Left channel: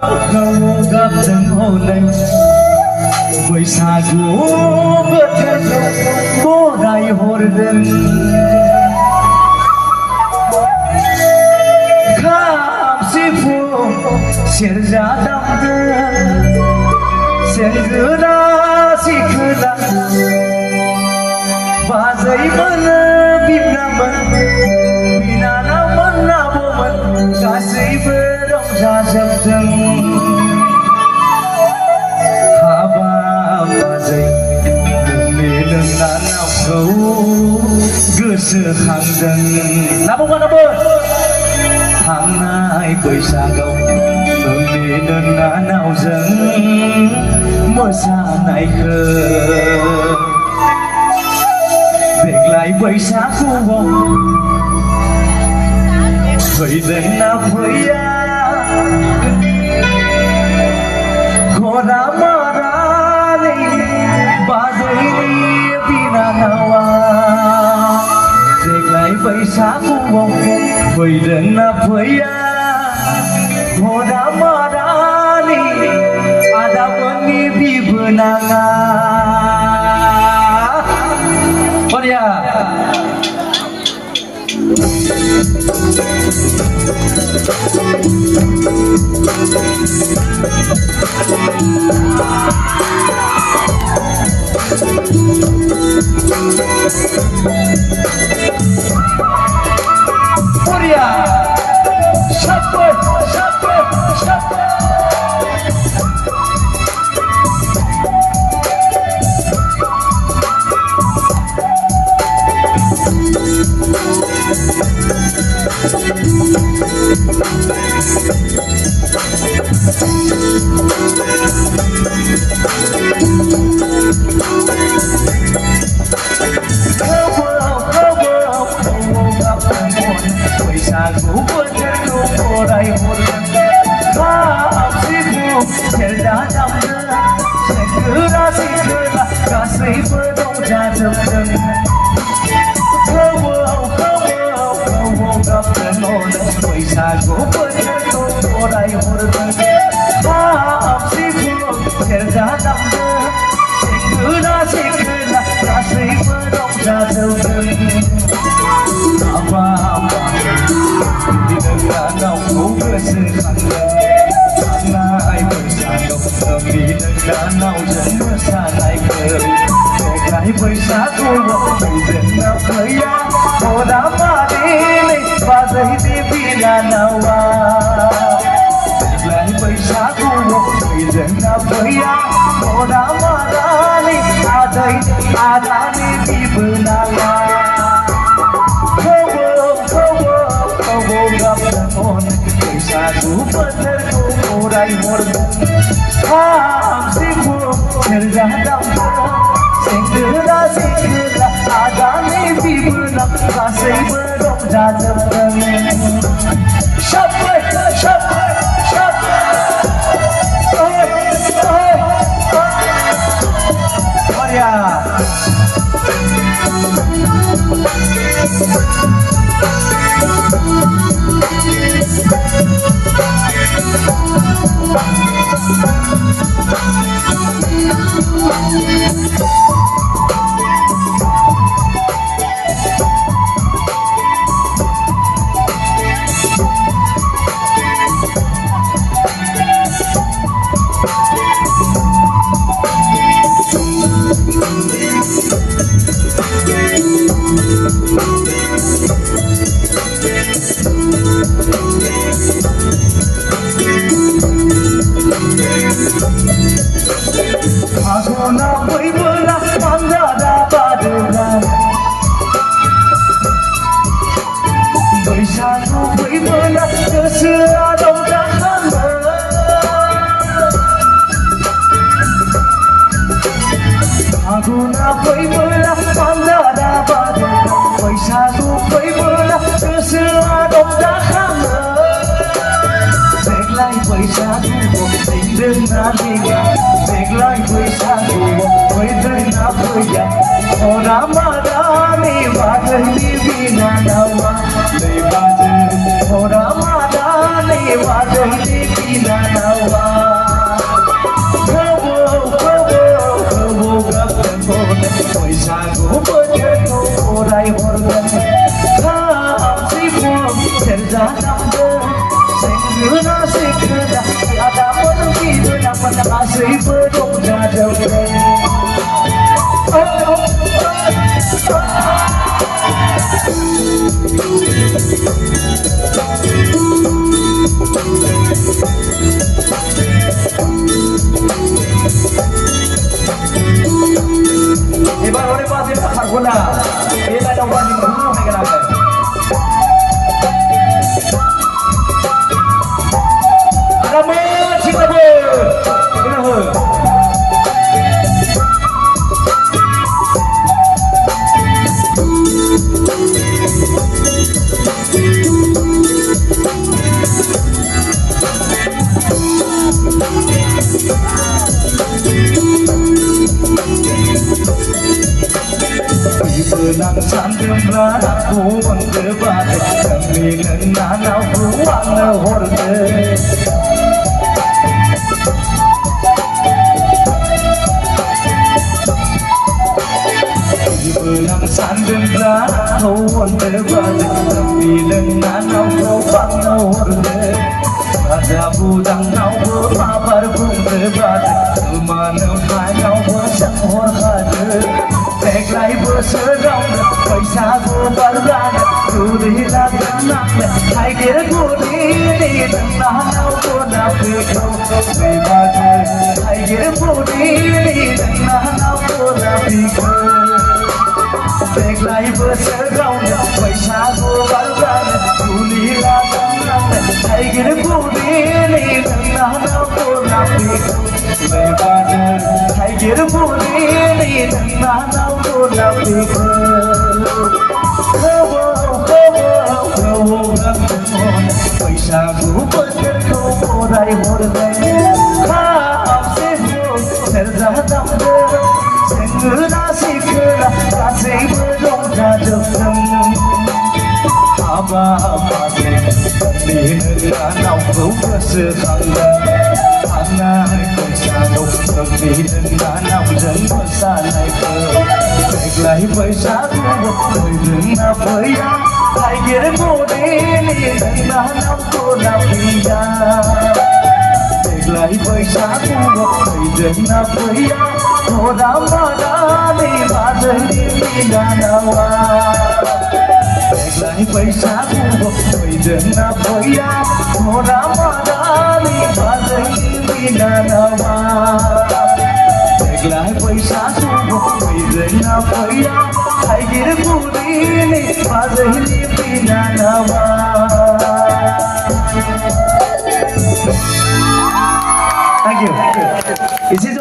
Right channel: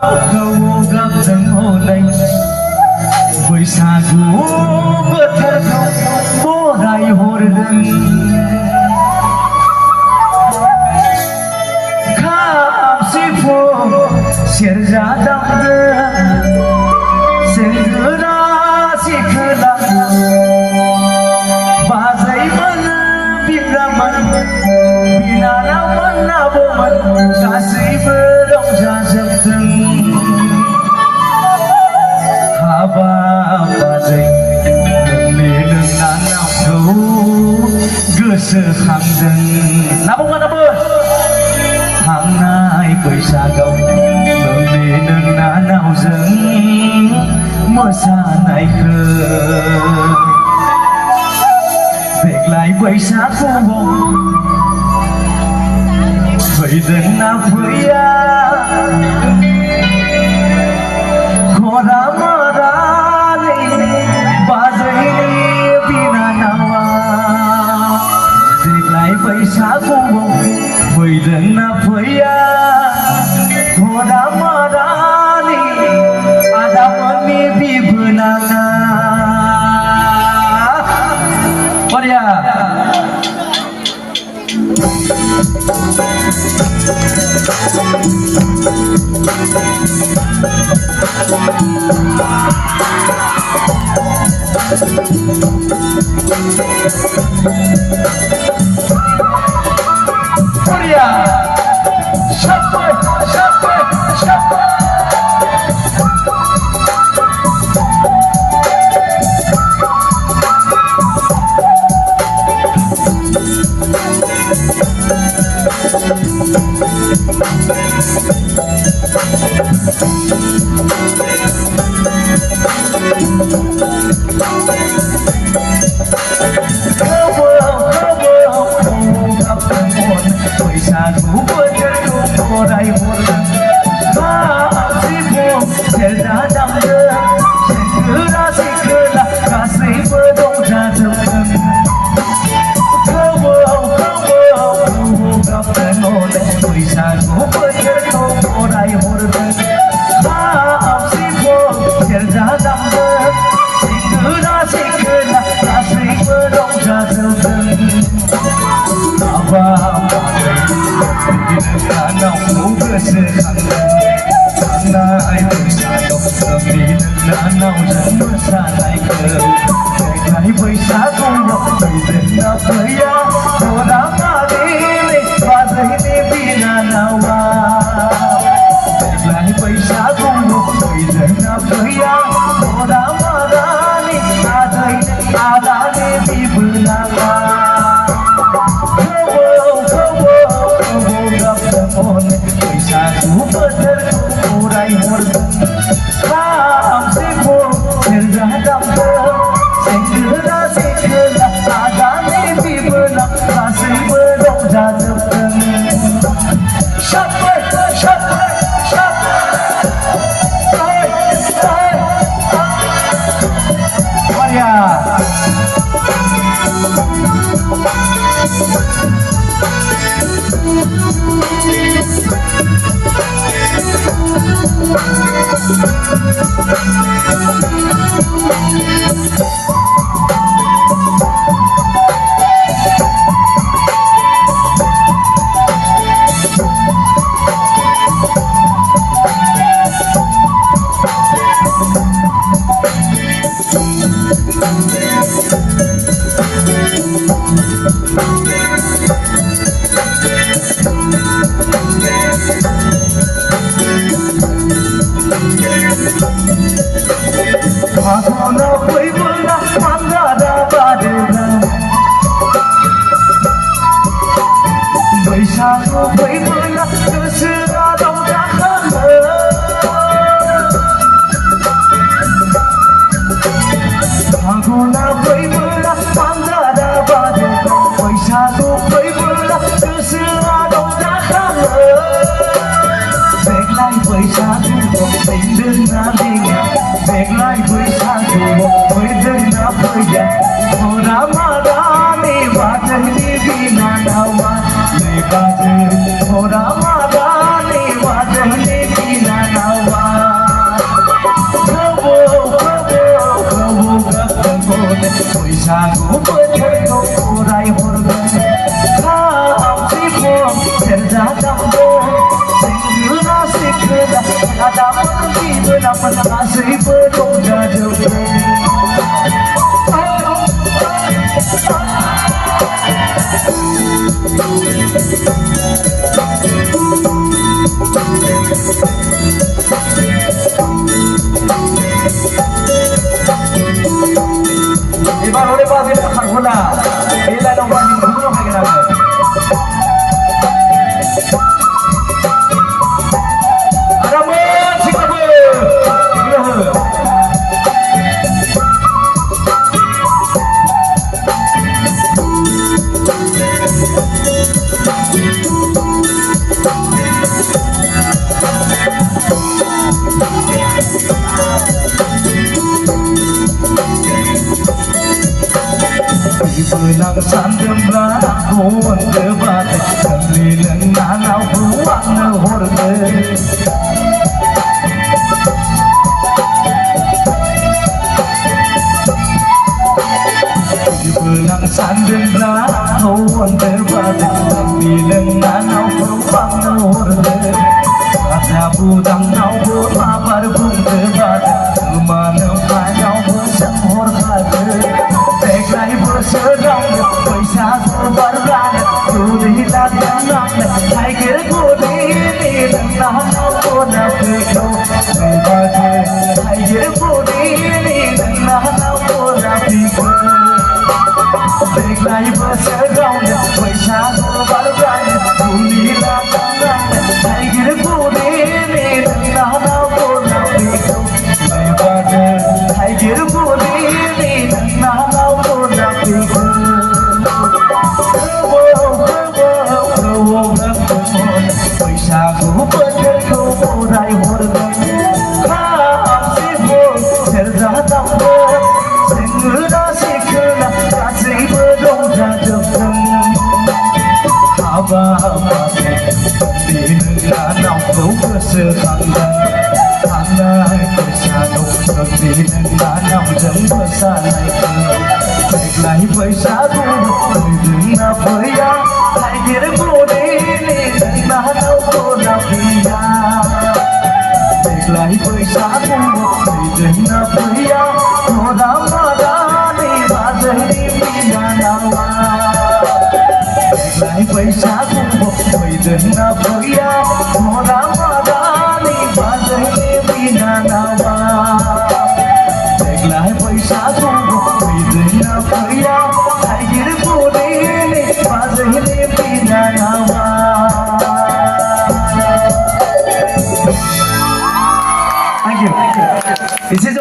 Kau gabung oleh बैसागु बोथोरखौ बराय हरगोन खाम सिफुं सेरजा दामगोन सेंग्रा सिख्लाफोर बाजैमोन बिब्रामोन बिनानावमोन आबौमोन गासैबो रंजाजोबगोन बाजै नोंनि नोंनानावखौ गोसोखांदों नाबो थांनाय बैसागआव नोंनि नोंनानावजों मोसानायखौ देग्लाय बैसागुआव फैदोंना फैया बैसागुआव फैदोंना फैया घरा मारानि आदामोननि बिबोनाङा बरिया Surya, siapa? बैसागु बोथोरखौ बराय हरगोन खाम सिफुं सेरजा दामगोन सेंग्रा सिख्ला गासैबो रंजाजोबगोन बैसागु बोथोरखौ बराय हरगोन खाम सिफुं सेरजा दामगोन सेंग्रा सिख्ला गासैबो रंजाजोबगोन नोंनानावखौ गोसोखांदों थांनाय बैसागआव नोंनि नोंनानावजों मोसानायखौ देग्लाय बैसागुआव फैदोंना फैया घरा मारिनि बाजैनि बिनानावा देग्लाय बैसागुआव फैदोंना फैया घरा मारानि आदानि बिबोनाङा बैसागु बोथोरखौ बराय हरगोन खाम सिफुं सेरजा दामगोन सेंग्रा सिख्ला आदानि बिबोनां गासैबो रंजाजोबगोन बैसागु फैबोला गोसोआ रंजाखाङो फागुना फैबोला फांजारा बारो बैसागु फैबोला गोसोआ रंजाखाङो देग्लाय बैसागुआव फैदोंना फैया देग्लाय बैसागुआव फैदोंना फैया घरा मारानि बाजैनि बिनानावा नै बाजै घरा मारानि बाजैनि बिनानावा गासैबो रंजाजोबदों এবার ওরে বাজে থাকবো না এই লাইনও বাজি ঘুরো হয়ে গেল আরামে শিখাবো Nang sandembra aku menggebat keliling danau ruang horde Nang sandembra aku menggebat keliling danau ruang horde Ada budang nau berabar menggebat kemana kau bersang hormati Deglai berserang, paisaku berang, kudilah tenang, naikir kudini, tenang puna pikro, bebas, naikir kudini, tenang puna pikro. Deglai berserang, paisaku berang, kudilah tenang, naikir kudini, tenang puna pikro, bebas, naikir kudini, tenang Paisaku benerku murai hordai Kasihmu terjadangda Sengena sikena kasihmu rongjajokan Abah-abahku Danau berseranggan Anak bersatu Dengan danau jeng bersanai ke Deglai paisaku Dengan apa yang Naikir kudini Danau Tolapia Deglai paisaku Dengan apa yang Orang madani Badari Minanawa Deglai paisaku Dengan apa yang Orang madani Badari Minanawa Deglai paisaku Dengan apa yang Naikir kudini Badari Minanawa Thank you. Is it